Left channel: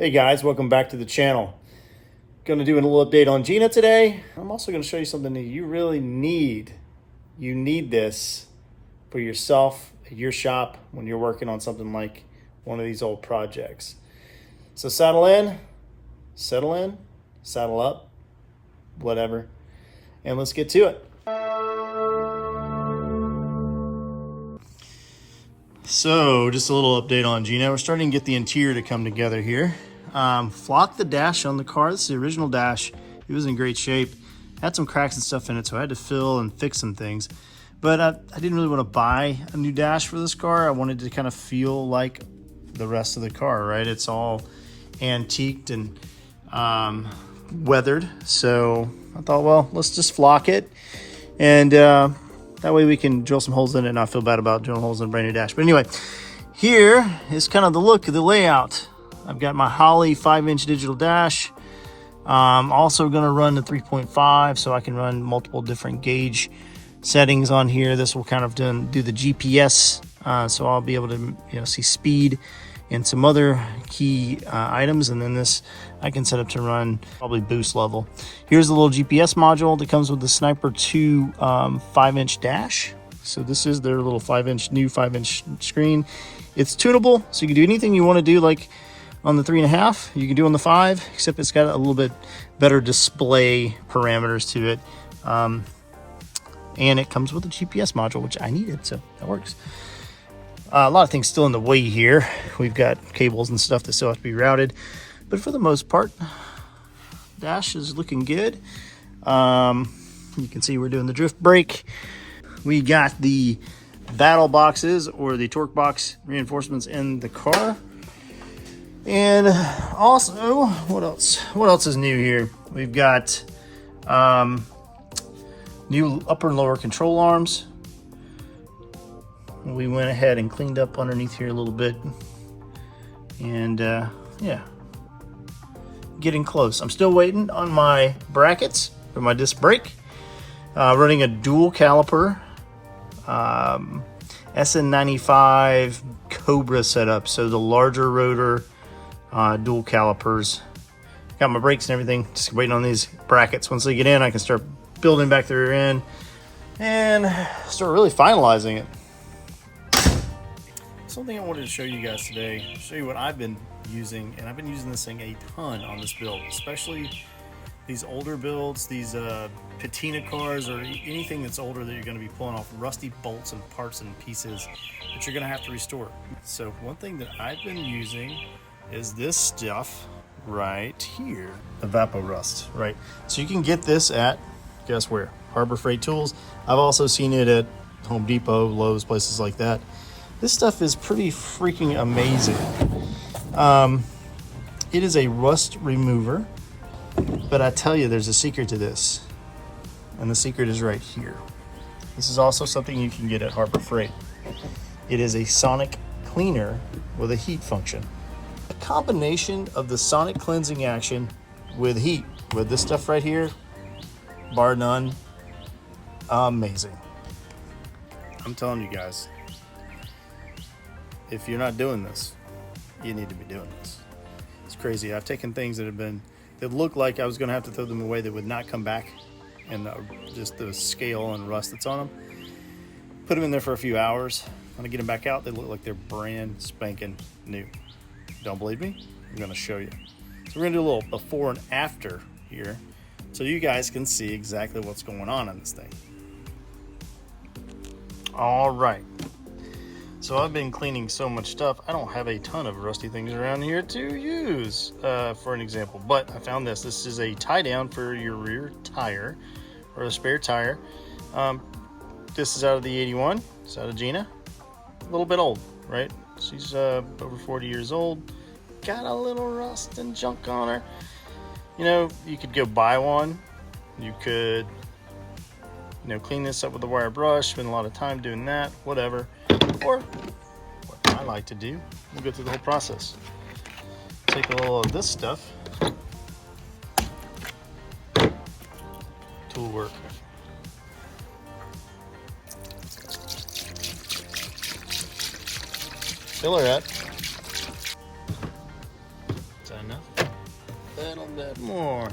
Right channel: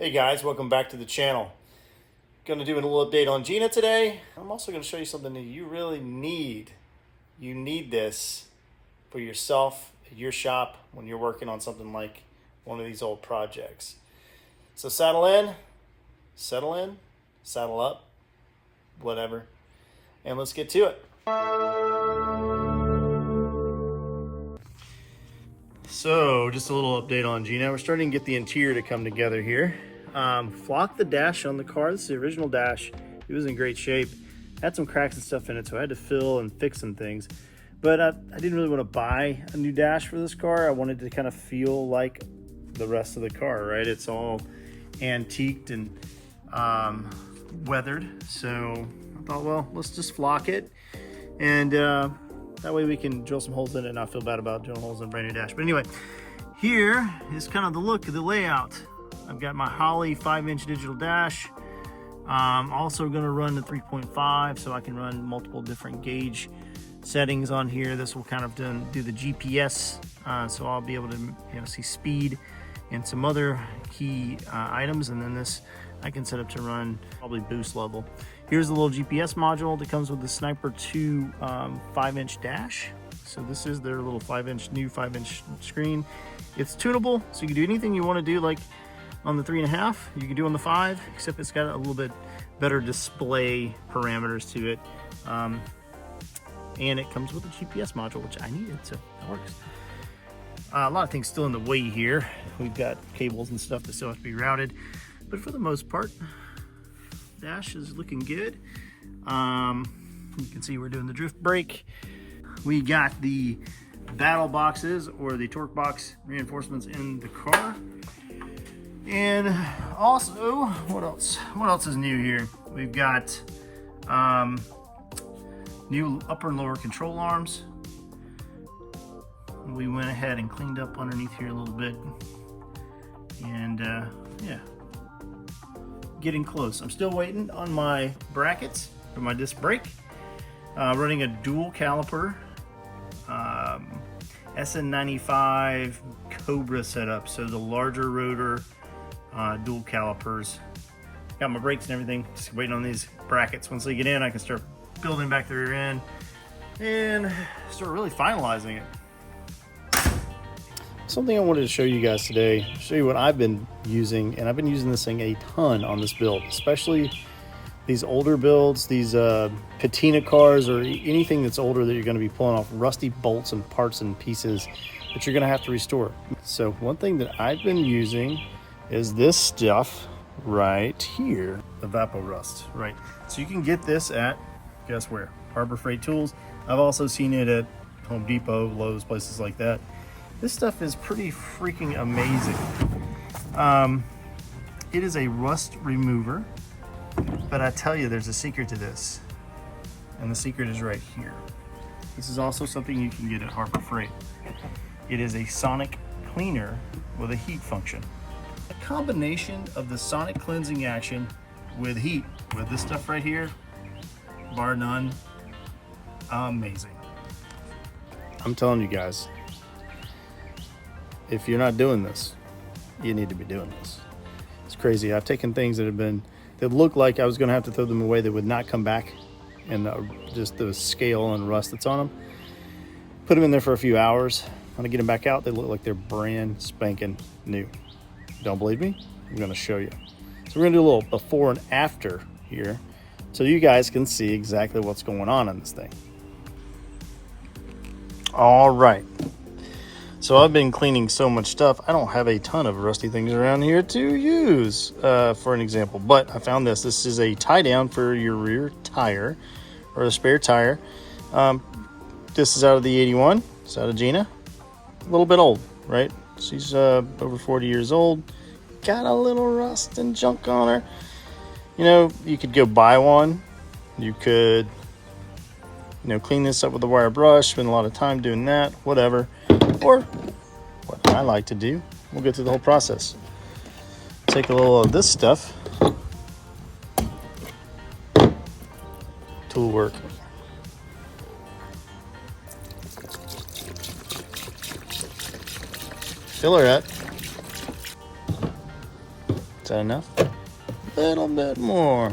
Hey guys, welcome back to the channel. Going to do a little update on Gina today. I'm also going to show you something that you really need. You need this for yourself at your shop when you're working on something like one of these old projects. So saddle in, settle in, saddle up, whatever, and let's get to it. So just a little update on Gina. We're starting to get the interior to come together here. Flocked the dash on the car. This is the original dash. It was in great shape. Had some cracks and stuff in it, so I had to fill and fix some things. But I didn't really want to buy a new dash for this car. I wanted to kind of feel like the rest of the car, right? It's all antiqued and weathered. So I thought, well, let's just flock it. And that way we can drill some holes in it and not feel bad about drilling holes in a brand new dash. But anyway, here is kind of the look of the layout. I've got my Holley 5-inch digital dash. Also going to run the 3.5 so I can run multiple different gauge settings on here. This will kind of do the GPS, so I'll be able to see speed and some other key items. And then this I can set up to run probably boost level. Here's the little GPS module that comes with the Sniper 2 5-inch dash. So this is their little new 5-inch screen. It's tunable, so you can do anything you want to do, like on the 3.5, you can do on the 5, except it's got a little bit better display parameters to it. And it comes with a GPS module, which I needed, so that works. A lot of things still in the way here. We've got cables and stuff that still have to be routed, but for the most part, dash is looking good. You can see we're doing the drift brake. We got the battle boxes or the torque box reinforcements in the car. And also, what else? What else is new here? We've got new upper and lower control arms. We went ahead and cleaned up underneath here a little bit. And yeah, getting close. I'm still waiting on my brackets for my disc brake. Running a dual caliper SN95 Cobra setup. So the larger rotor, dual calipers. Got my brakes and everything, just waiting on these brackets. Once they get in, I can start building back the rear end and start really finalizing it. Something I wanted to show you guys today, show you what I've been using, and I've been using this thing a ton on this build, especially these older builds, these patina cars or anything that's older that you're going to be pulling off rusty bolts and parts and pieces that you're going to have to restore. So one thing that I've been using is this stuff right here, Evapo-Rust, right? So you can get this at, guess where? Harbor Freight Tools. I've also seen it at Home Depot, Lowe's, places like that. This stuff is pretty freaking amazing. It is a rust remover, but I tell you, there's a secret to this, and the secret is right here. This is also something you can get at Harbor Freight. It is a sonic cleaner with a heat function. A combination of the sonic cleansing action with heat, with this stuff right here, bar none, amazing. I'm telling you guys, if you're not doing this, you need to be doing this. It's crazy. I've taken things that look like I was going to have to throw them away that would not come back, and just the scale and rust that's on them. Put them in there for a few hours. When I get them back out, they look like they're brand spanking new. Don't believe me? I'm going to show you. So we're going to do a little before and after here, so you guys can see exactly what's going on in this thing. All right. So I've been cleaning so much stuff, I don't have a ton of rusty things around here to use for an example, but I found this. This is a tie down for your rear tire or a spare tire. This is out of the 81. It's out of Gina. A little bit old, right? She's over 40 years old. Got a little rust and junk on her. You know, you could go buy one. You could, clean this up with a wire brush, spend a lot of time doing that, whatever. Or what I like to do, we'll go through the whole process. Take a little of this stuff. Tool work. Fill her at. Is that enough? A little bit more.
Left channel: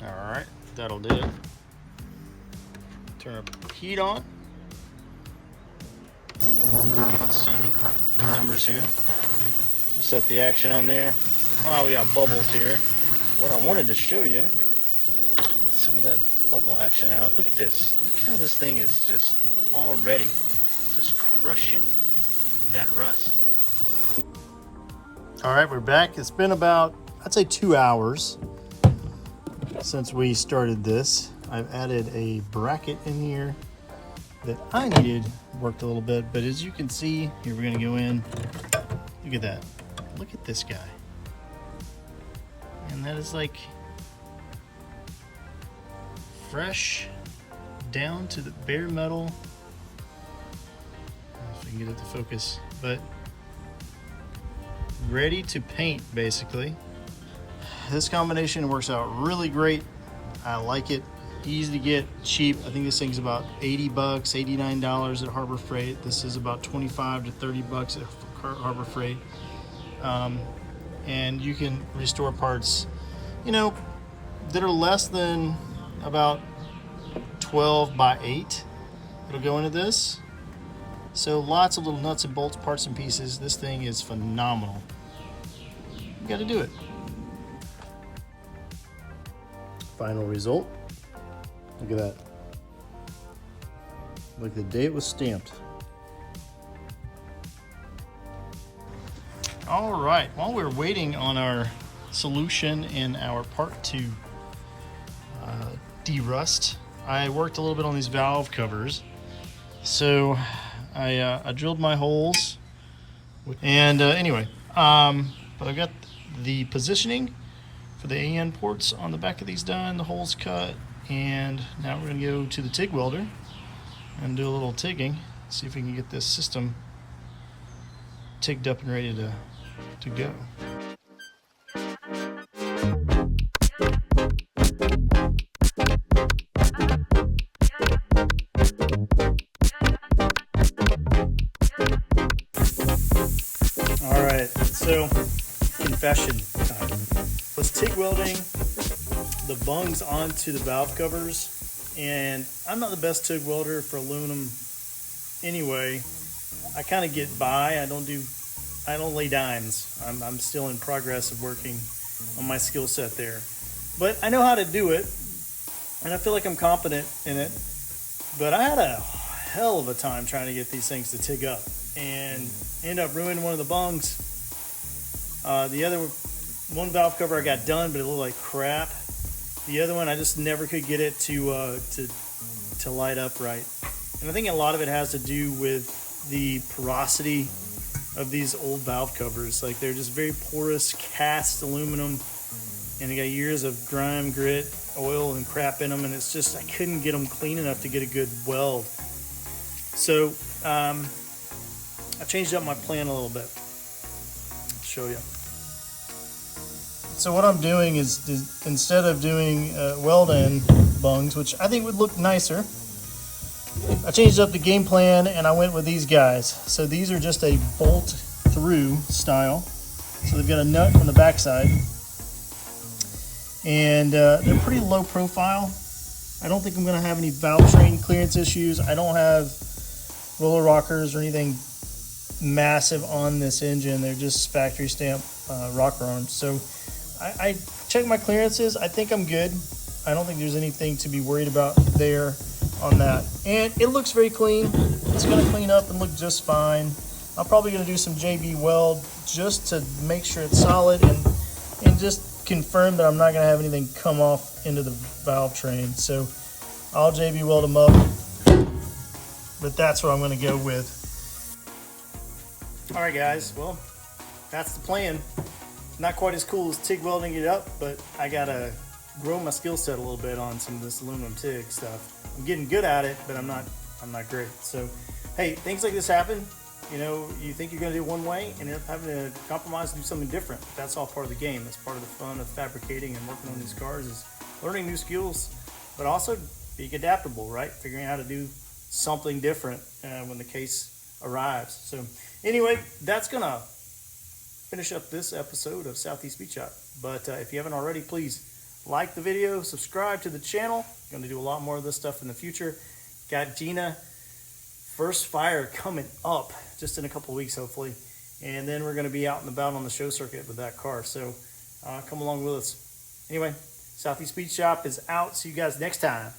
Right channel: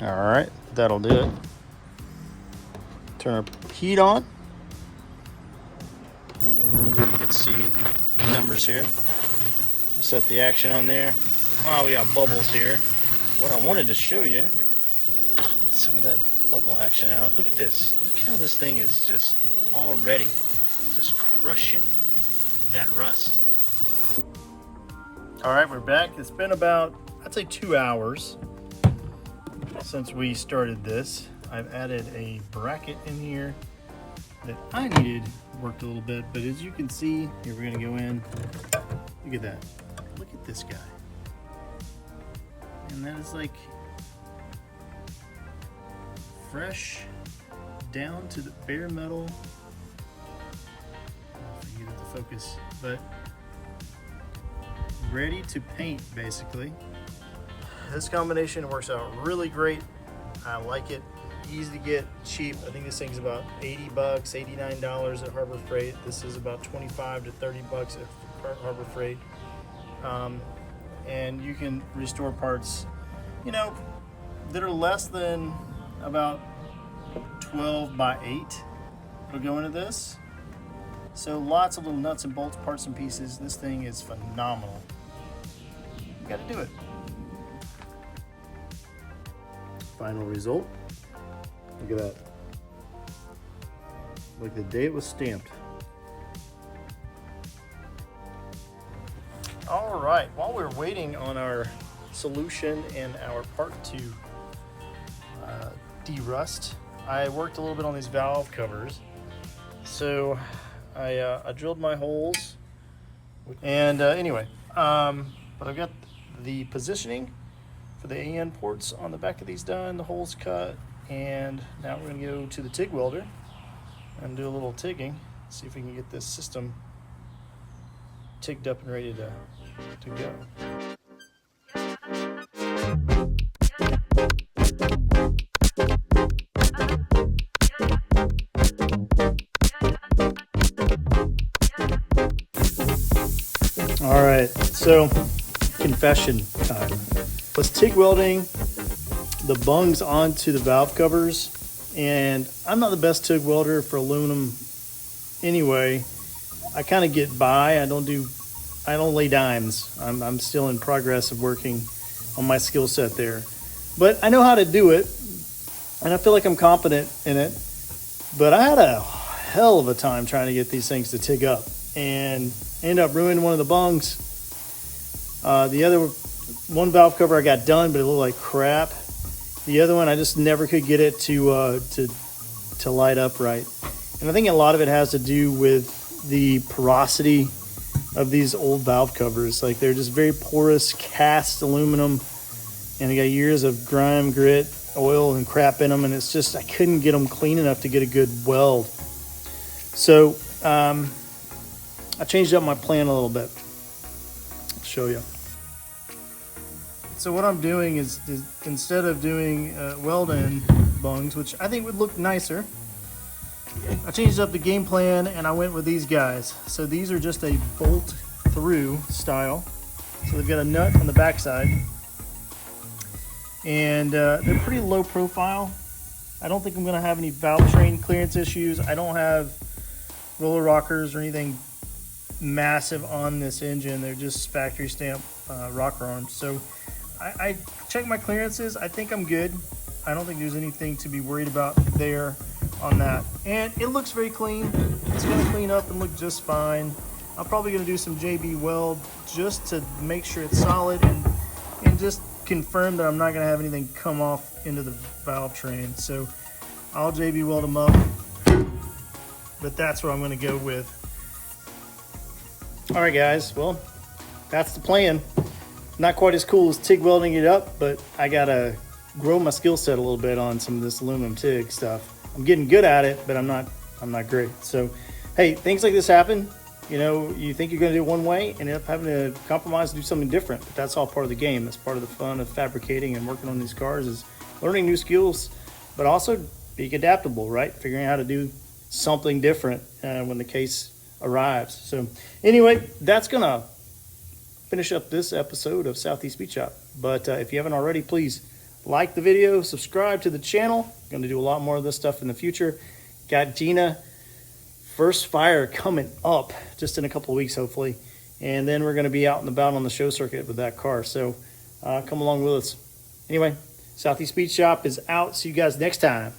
All right, that'll do it. Turn our heat on. You can see the numbers here. We'll set the action on there. Oh, we got bubbles here. What I wanted to show you, some of that bubble action out. Look at this. Look how this thing is just already just crushing that rust. All right, we're back. It's been about, I'd say 2 hours since we started this. I've added a bracket in here that I needed worked a little bit, but as you can see, here we're gonna go in. Look at that. Look at this guy. And that is like fresh down to the bare metal. I don't know if I can get it to focus, but ready to paint basically. This combination works out really great. I like it. Easy to get, cheap. I think this thing's about 80 bucks, $89 at Harbor Freight. This is about 25 to 30 bucks at Harbor Freight. And you can restore parts, you know, that are less than about 12 by 8. It'll go into this. So lots of little nuts and bolts, parts and pieces. This thing is phenomenal. You gotta do it. Final result. Look at that. Like the day it was stamped. All right, while we're waiting on our solution in our part 2 de-rust, I worked a little bit on these valve covers. So I drilled my holes, and anyway, but I've got the positioning for the AN ports on the back of these done, the holes cut, and now we're going to go to the TIG welder and do a little tigging, see if we can get this system tigged up and ready to go. All right, so confession time. Was TIG welding the bungs onto the valve covers, and I'm not the best TIG welder for aluminum anyway. I kind of get by. I don't lay dimes. I'm still in progress of working on my skill set there, but I know how to do it, and I feel like I'm competent in it. But I had a hell of a time trying to get these things to TIG up, and ended up ruining one of the bungs. The other one valve cover I got done, but it looked like crap. The other one, I just never could get it to light up right. And I think a lot of it has to do with the porosity of these old valve covers. Like, they're just very porous cast aluminum, and they got years of grime, grit, oil, and crap in them. And it's just, I couldn't get them clean enough to get a good weld. So I changed up my plan a little bit. I'll show you. So what I'm doing is instead of doing weld-in bungs, which I think would look nicer, I changed up the game plan and I went with these guys. So these are just a bolt-through style. So they've got a nut on the backside, and they're pretty low profile. I don't think I'm going to have any valve train clearance issues. I don't have roller rockers or anything massive on this engine. They're just factory stamp rocker arms. So I checked my clearances. I think I'm good. I don't think there's anything to be worried about there on that. And it looks very clean. It's going to clean up and look just fine. I'm probably going to do some JB weld just to make sure it's solid and just confirm that I'm not going to have anything come off into the valve train. So I'll JB weld them up, but that's what I'm going to go with. All right, guys. Well, that's the plan. Not quite as cool as TIG welding it up, but I gotta grow my skill set a little bit on some of this aluminum TIG stuff. I'm getting good at it, but I'm not great. So, hey, things like this happen. You know, you think you're gonna do it one way and end up having to compromise and do something different. But that's all part of the game. That's part of the fun of fabricating and working on these cars, is learning new skills, but also being adaptable, right? Figuring out how to do something different when the case arrives. So anyway, that's going to finish up this episode of Southeast Speed Shop. But if you haven't already, please like the video, subscribe to the channel. Going to do a lot more of this stuff in the future. Got Gina first fire coming up just in a couple of weeks, hopefully. And then we're going to be out and about on the show circuit with that car. So come along with us. Anyway, Southeast Speed Shop is out. See you guys next time.